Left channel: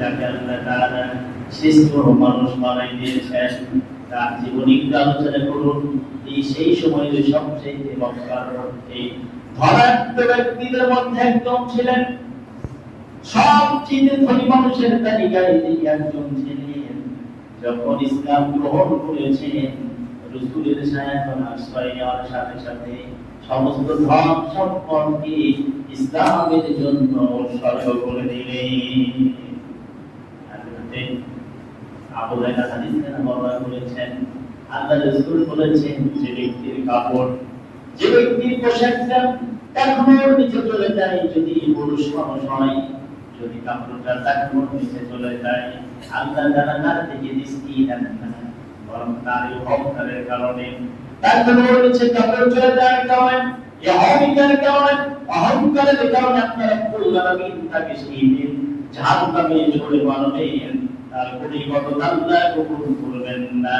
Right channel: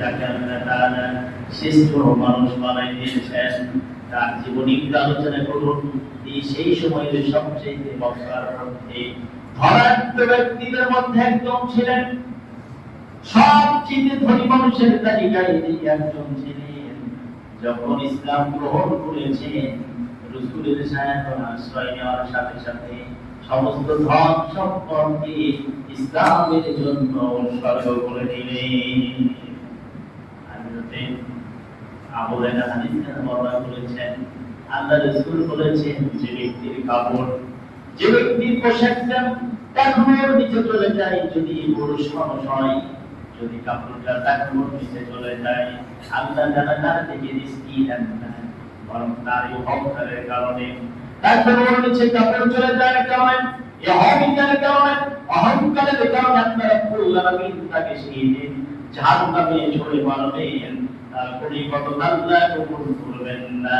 যাকে আল্লাহ তাআলা শ্রেষ্ঠ মানুষ বানাই দিয়েছেন তার জীবনী আলোচনা করুন। সেই সময়ের সবচেয়ে মক্কার মধ্যে ধনাঢ্য ব্যক্তিদের মধ্যে একজন ছিলেন, সবচেয়ে ধনী মানুষের তালিকায় তিনি একজন ছিলেন। যখন ইসলাম গ্রহণ করেছেন, রাসূলের সায়াতন আশ্রয় নেওয়ার সাথে সাথে সমস্ত ধন সম্পদকে ইসলামের জন্য উৎসর্গ করে দিলেন। হযরতে আবু হুরায়রা হাদিসে বর্ণনা করেছেন, আল্লাহ রাসূল বলেছেন, যে ব্যক্তির কাপড়, যে ব্যক্তির পোশাকটা টাকনোর নিচে চলে যায়, যদি পুরুষ মানুষ হয়, যদি কাপড়টা টাকনোর নিচে চলে যায়, আল্লাহ তার থেকে রিজকি দেন না, বরং তার অহংকারের কারণে, তার টাকনোর নিচে কাপড় চলে যায় কারণে, এই অহংকারের কারণে আল্লাহ রাব্বুল আলামিন তাকে সেই জাহান্নামে ছুঁড়ে মারবেন, তার কোটি কত আল্লাহ কবুল করবেন না।